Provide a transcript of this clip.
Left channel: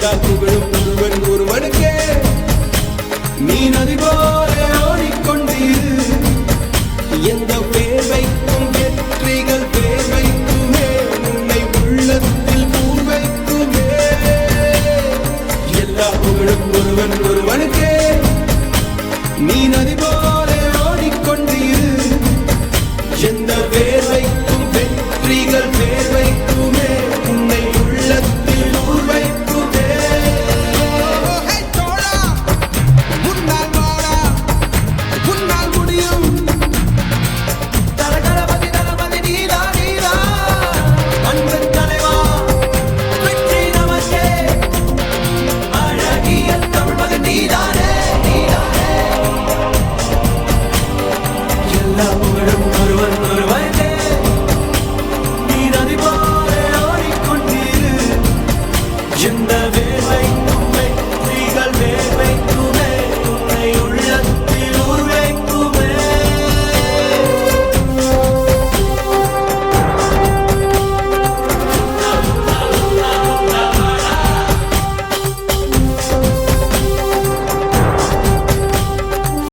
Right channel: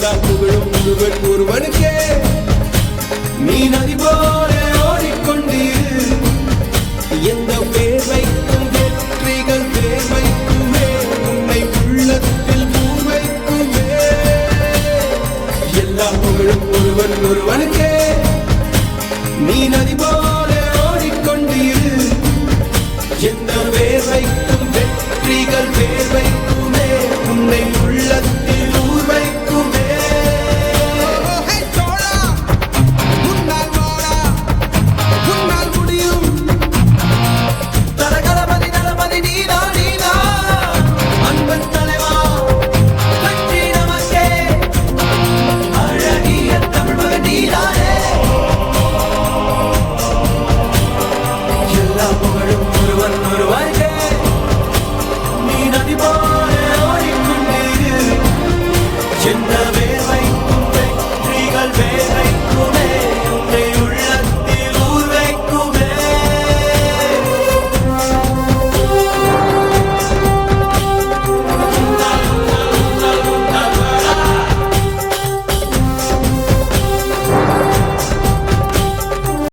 எல்லா புகழும் ஒருவன் ஒருவனுக்கே. நீ நதி போல ஓடிக்கொண்டீர். எந்த பேர் வைக்கும் வெற்றிகள் பேர் வைக்குமே, உன்னை உள்ளத்தில் பூர் வைக்குமே. எல்லா புகழும் ஒருவன் ஒருவனுக்கே. நீ நதி போல